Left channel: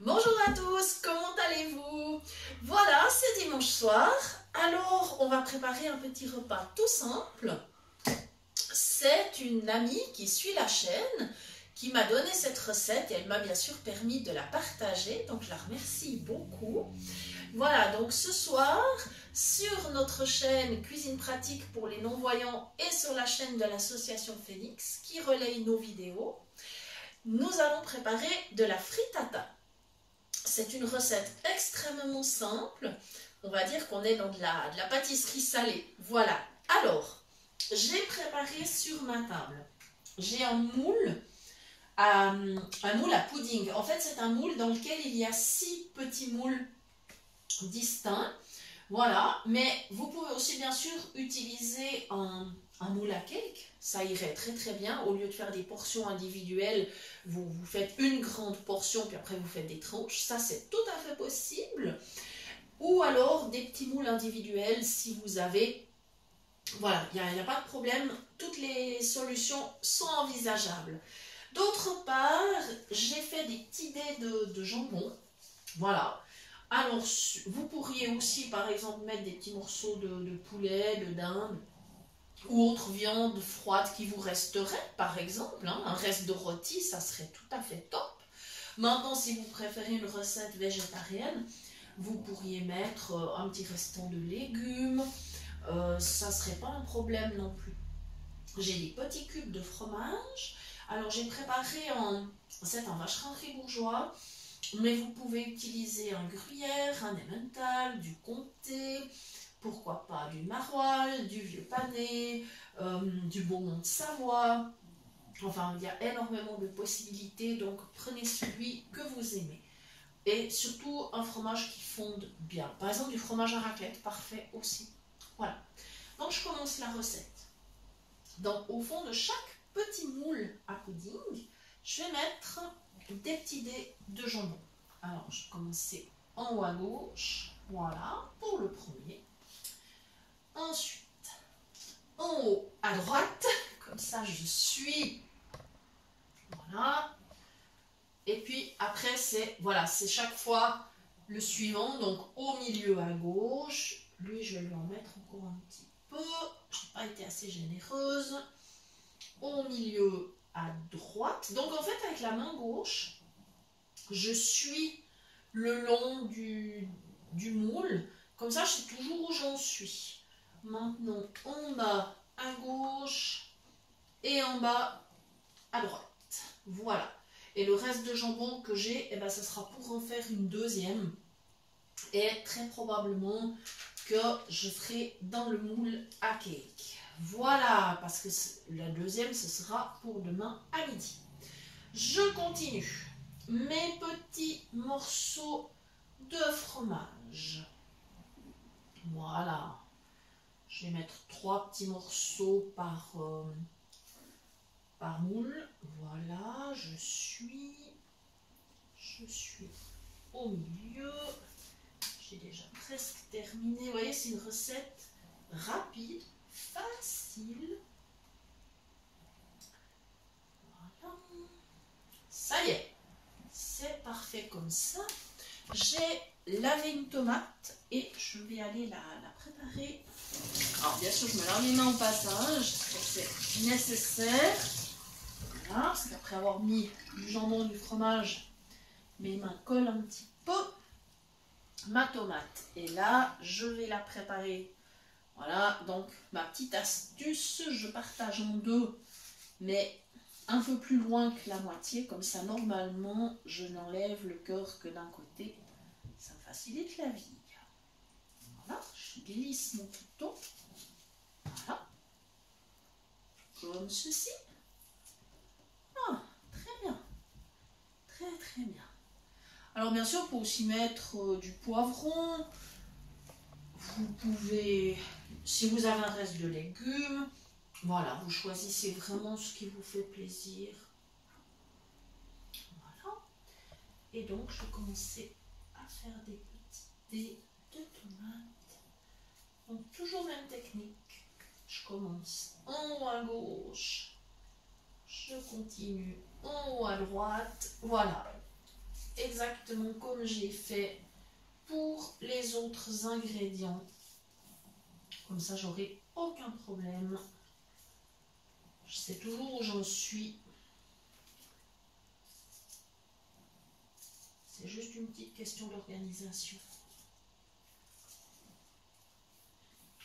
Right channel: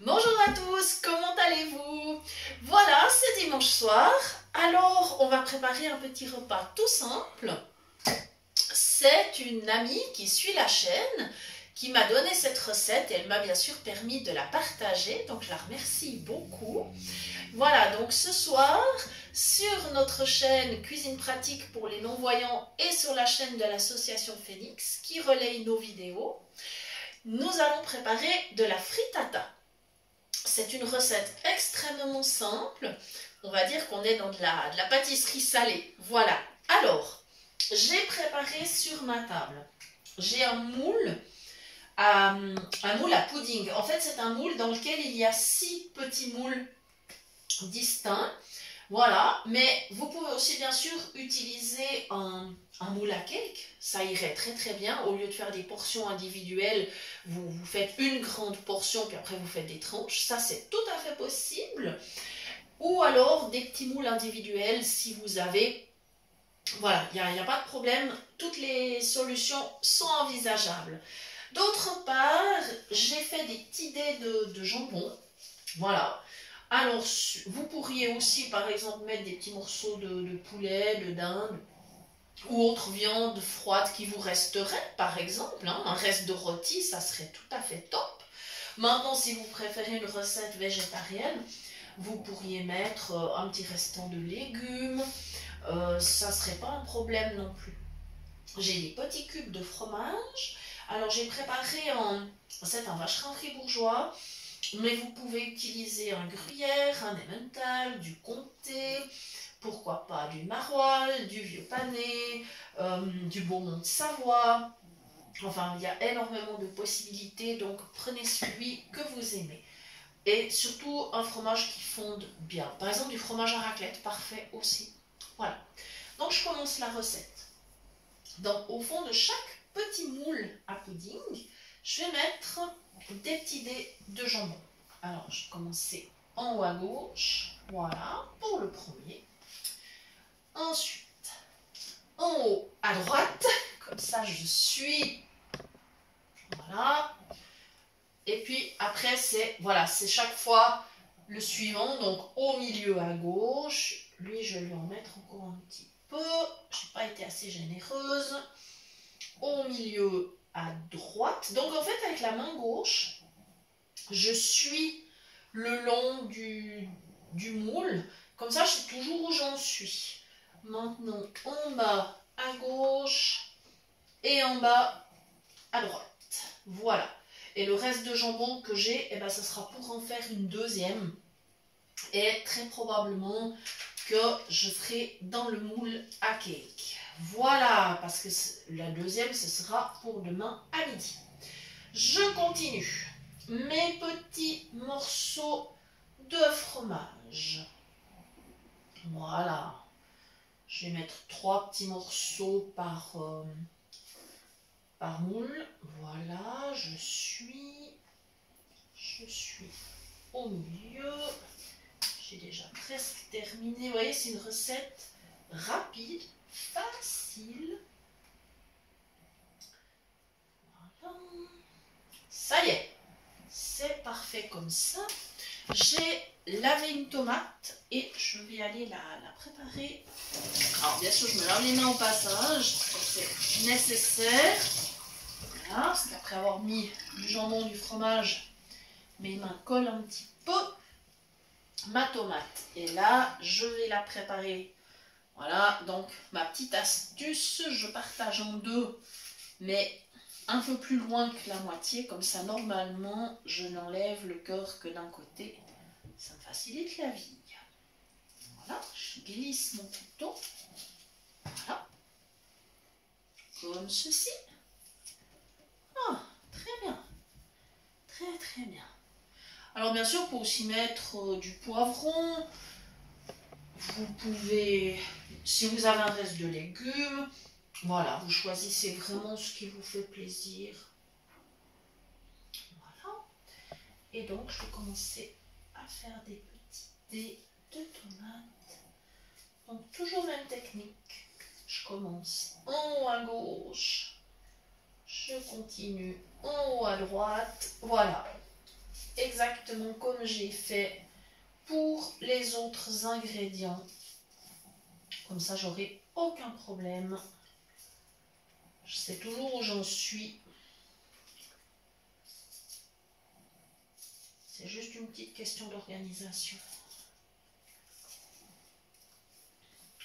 Bonjour à tous, comment allez-vous? Voilà, c'est dimanche soir. Alors, on va préparer un petit repas tout simple. C'est une amie qui suit la chaîne qui m'a donné cette recette et elle m'a bien sûr permis de la partager. Donc, je la remercie beaucoup. Voilà, donc ce soir, sur notre chaîne Cuisine Pratique pour les non-voyants et sur la chaîne de l'association Phoenix qui relaye nos vidéos, nous allons préparer de la frittata. C'est une recette extrêmement simple. On va dire qu'on est dans de la pâtisserie salée. Voilà. Alors, j'ai préparé sur ma table. J'ai un moule à pudding. En fait, c'est un moule dans lequel il y a 6 petits moules distincts. Voilà. Mais vous pouvez aussi, bien sûr, utiliser un moule à cake. Ça irait très très bien. Au lieu de faire des portions individuelles, vous faites une grande portion, puis après vous faites des tranches. Ça, c'est tout à fait possible. Ou alors des petits moules individuels si vous avez. Voilà, il n'y a pas de problème. Toutes les solutions sont envisageables. D'autre part, j'ai fait des petits dés de jambon. Voilà. Alors, vous pourriez aussi, par exemple, mettre des petits morceaux de poulet, de dinde, ou autre viande froide qui vous resterait, par exemple. Un reste de rôti, ça serait tout à fait top. Maintenant, si vous préférez une recette végétarienne, vous pourriez mettre un petit restant de légumes. Ça ne serait pas un problème non plus. J'ai des petits cubes de fromage. Alors, j'ai préparé c'est un vacherin fribourgeois, mais vous pouvez utiliser un gruyère, un emmental, du comté, pourquoi pas du maroilles, du vieux pané, du beaumont de Savoie. Enfin, il y a énormément de possibilités, donc prenez celui que vous aimez. Et surtout, un fromage qui fonde bien. Par exemple, du fromage à raclette, parfait aussi. Voilà. Donc, je commence la recette. Donc, au fond de chaque petit moule à pudding, je vais mettre des petits dés de jambon. Alors, je vais commencer en haut à gauche. Voilà, pour le premier. Ensuite, en haut à droite. Comme ça, je suis. Voilà. Et puis, après, c'est chaque fois le suivant. Donc, au milieu à gauche. Lui, je vais lui en mettre encore un petit peu. Je n'ai pas été assez généreuse. Au milieu à droite. Donc, en fait, avec la main gauche, je suis le long du moule. Comme ça, je sais toujours où j'en suis. Maintenant, en bas à gauche et en bas à droite. Voilà. Et le reste de jambon que j'ai, eh ben, ça sera pour en faire une deuxième. Et très probablement que je ferai dans le moule à cake. Voilà, parce que la deuxième, ce sera pour demain à midi. Je continue. Mes petits morceaux de fromage. Voilà. Je vais mettre 3 petits morceaux par moule. Voilà, je suis au milieu. J'ai déjà presque terminé. Vous voyez, c'est une recette rapide, facile. Voilà. Ça y est, c'est parfait comme ça. J'ai lavé une tomate et je vais aller la préparer. Alors bien sûr, je me lave les mains au passage, c'est nécessaire. Voilà, parce qu'après avoir mis du jambon, du fromage, mes mains collent un petit peu. Ma tomate est là, je vais la préparer. Voilà, donc ma petite astuce, je partage en deux, mais un peu plus loin que la moitié, comme ça normalement je n'enlève le cœur que d'un côté, ça me facilite la vie. Voilà, je glisse mon couteau, voilà, comme ceci. Ah, très bien, très très bien. Alors bien sûr, pour aussi mettre du poivron, vous pouvez, si vous avez un reste de légumes, voilà, vous choisissez vraiment ce qui vous fait plaisir. Voilà. Et donc, je vais commencer à faire des petits dés de tomates. Donc, toujours même technique. Je commence en haut à gauche. Je continue en haut à droite. Voilà. exactement comme j'ai fait pour les autres ingrédients. Comme ça, j'aurai aucun problème. Je sais toujours où j'en suis. C'est juste une petite question d'organisation.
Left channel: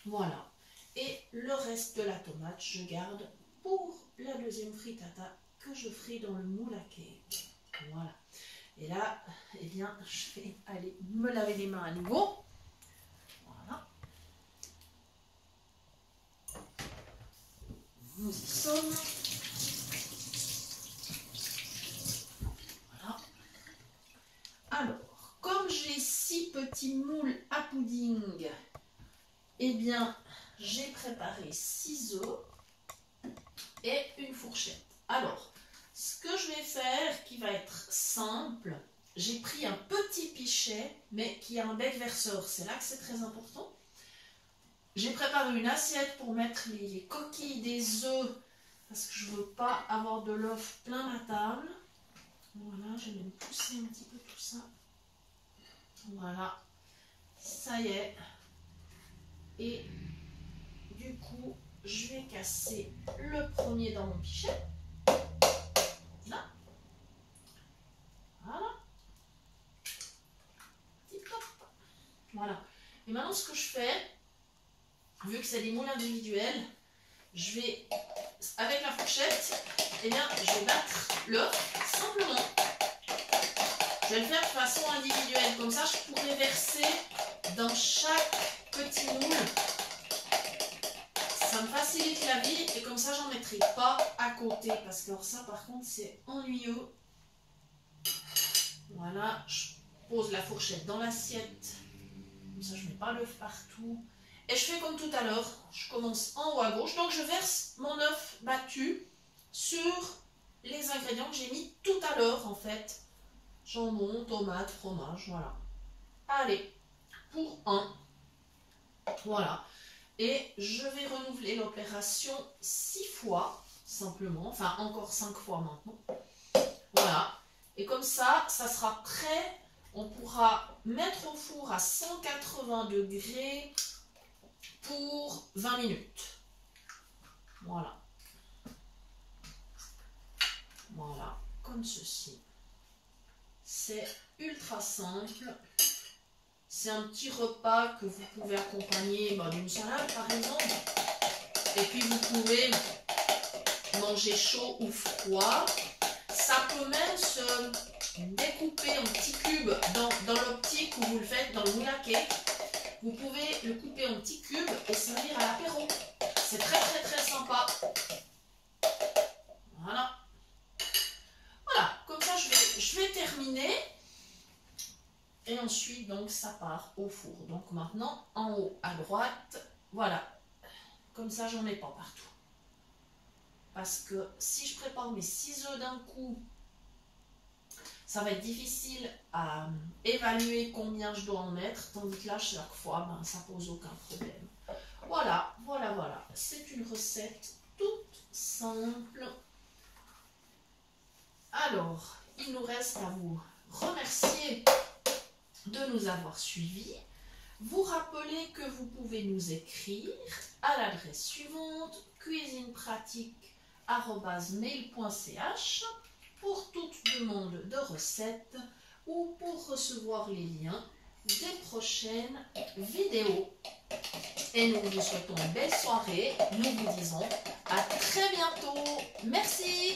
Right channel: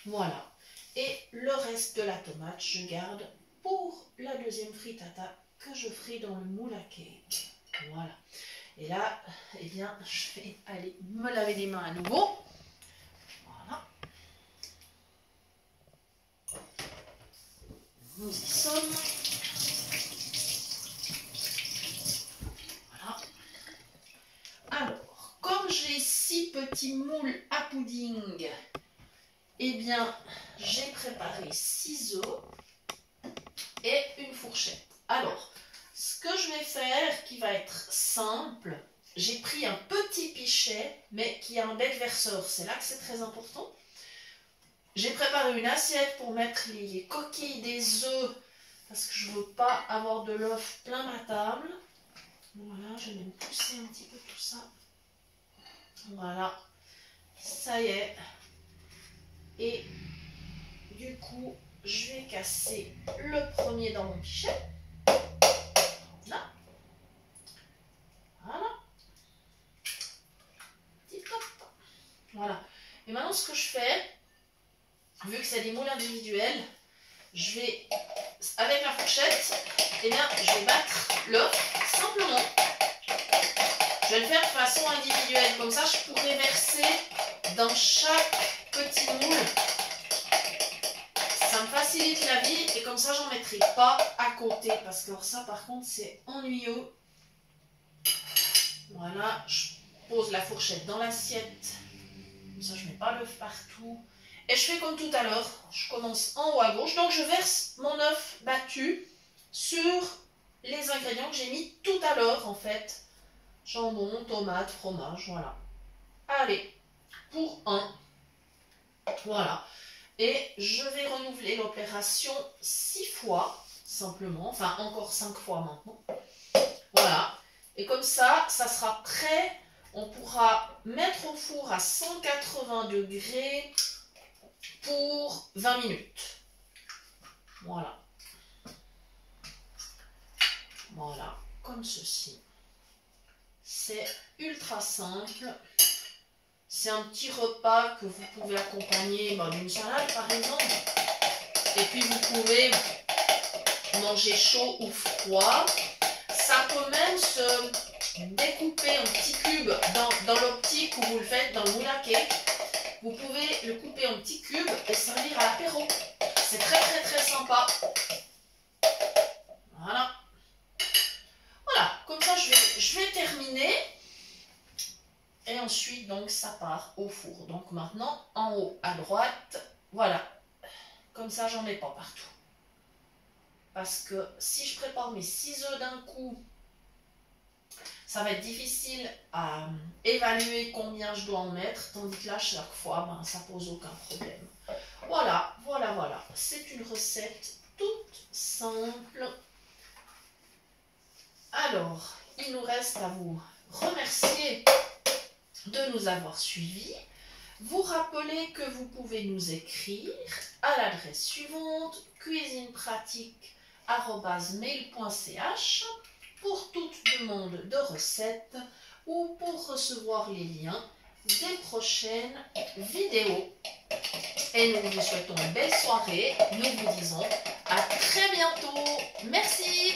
Voilà. Et le reste de la tomate, je garde pour la deuxième frittata que je ferai dans le moule à cake. Voilà. Et là, eh bien, je vais aller me laver les mains à nouveau. Voilà. Nous y sommes. Voilà. Alors, comme j'ai 6 petits moules à pudding, eh bien, j'ai préparé 6 œufs et une fourchette. Alors, ce que je vais faire qui va être simple, j'ai pris un petit pichet, mais qui a un bec verseur. C'est là que c'est très important. J'ai préparé une assiette pour mettre les coquilles des œufs, parce que je ne veux pas avoir de l'œuf plein ma table. Voilà, je vais me pousser un petit peu tout ça. Voilà, ça y est. Et du coup, je vais casser le premier dans mon pichet. Là. Voilà. Petit pop. Voilà. Et maintenant, ce que je fais, vu que c'est des moules individuels, je vais, avec la fourchette, eh bien, je vais battre l'œuf simplement. Je vais le faire de façon individuelle. Comme ça, je pourrais verser dans chaque petit moule. Ça me facilite la vie et comme ça, j'en mettrai pas à côté. Parce que ça, par contre, c'est ennuyeux. Voilà, je pose la fourchette dans l'assiette. Comme ça, je ne mets pas l'œuf partout. Et je fais comme tout à l'heure. Je commence en haut à gauche. Donc, je verse mon œuf battu sur les ingrédients que j'ai mis tout à l'heure, en fait. Jambon, tomate, fromage, voilà. Allez, pour un. Voilà. Et je vais renouveler l'opération 6 fois, simplement. Enfin, encore 5 fois maintenant. Voilà. Et comme ça, ça sera prêt. On pourra mettre au four à 180 degrés pour 20 minutes. Voilà. Voilà, comme ceci. C'est ultra simple. C'est un petit repas que vous pouvez accompagner d'une salade par exemple. Et puis vous pouvez manger chaud ou froid. Ça peut même se découper en petits cubes dans l'optique où vous le faites dans le moule à cake. Vous pouvez le couper en petits cubes et servir à l'apéro. C'est très très très sympa. Voilà. Voilà, comme ça je vais terminer. Et ensuite, donc, ça part au four. Donc maintenant, en haut à droite, voilà. Comme ça, j'en mets pas partout. Parce que si je prépare mes 6 œufs d'un coup, ça va être difficile à évaluer combien je dois en mettre. Tandis que là, chaque fois, ça pose aucun problème. Voilà, voilà, voilà. C'est une recette toute simple. Alors, il nous reste à vous remercier de nous avoir suivis. Vous rappelez que vous pouvez nous écrire à l'adresse suivante cuisinepratique@mail.ch pour toute demande de recettes ou pour recevoir les liens des prochaines vidéos. Et nous vous souhaitons une belle soirée. Nous vous disons à très bientôt. Merci.